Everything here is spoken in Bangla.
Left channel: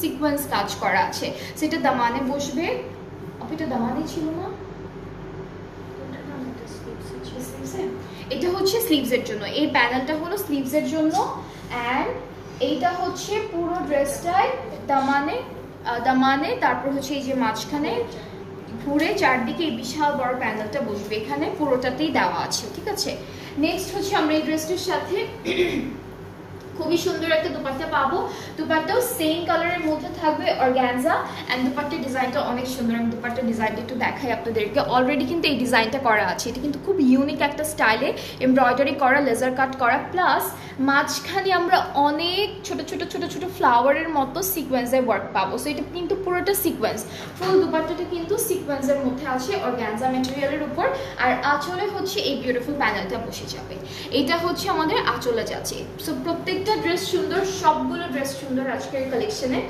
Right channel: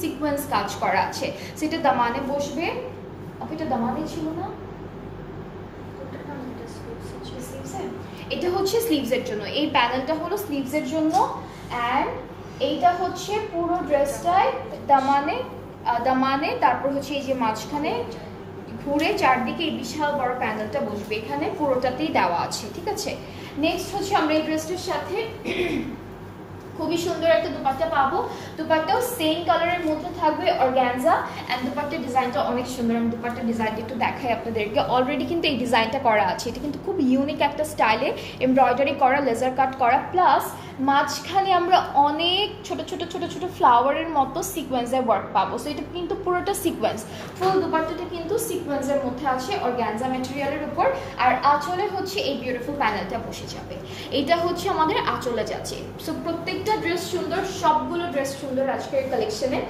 সিকোয়েন্স কাজ করা আছে, সেটা দামানে বসবে। এটা দামানে ছিল না, এটা হচ্ছে স্লিভস এর জন্য, এই প্যানেলটা হলো স্লিভস এর জন্য। এন্ড এইটা হচ্ছে পুরো ড্রেসটাই দামানে, দামানে তারপর হচ্ছে এই যে মাঝখানে ঘুরে চারদিকে এই বিশাল বড় প্যানেলটা বসবে, এখানে পুরোটাতেই দেওয়া আছে, ঠিক আছে। নেক্সট হচ্ছে আমরা এই ড্রেসটির সাথে খুবই সুন্দর একটা দুপাট্টা পাবো, দুপাট্টাও সেম কালারের মধ্যে থাকবে অর্গানজা। এন্ড দুপাট্টার ডিজাইনটা অনেক সুন্দর, আমি দুপাট্টার ডিজাইনটা একটু দেখাই আপনাদেরকে। অলরেডি কিন্তু এই ডিজাইনটা করা আছে, এটা কিন্তু খুব ইউনিক একটা স্টাইলে এমব্রয়ডারি করা, লেজার কাট করা, প্লাস মাঝখানে আমরা অনেক ছোট ছোট ছোট ছোট ফ্লাওয়ারের মতো সিকোয়েন্সের ওয়ার্ক পাবো। সো এটা কিন্তু পুরোটা সিকোয়েন্স, ফুল দুপাট্টাটা কিন্তু সিকোয়েন্সের মধ্যে আছে অর্গানজা ম্যাটেরিয়ালের উপর। আর আঁচলে হচ্ছে এই বিউটিফুল প্যানেলটা বসে যাবে, এটা হচ্ছে আমাদের আঁচলে যাচ্ছে। সো প্রত্যেকটা ড্রেস সুন্দর, সবগুলো ড্রেস সুন্দর আজকের কালেকশনে।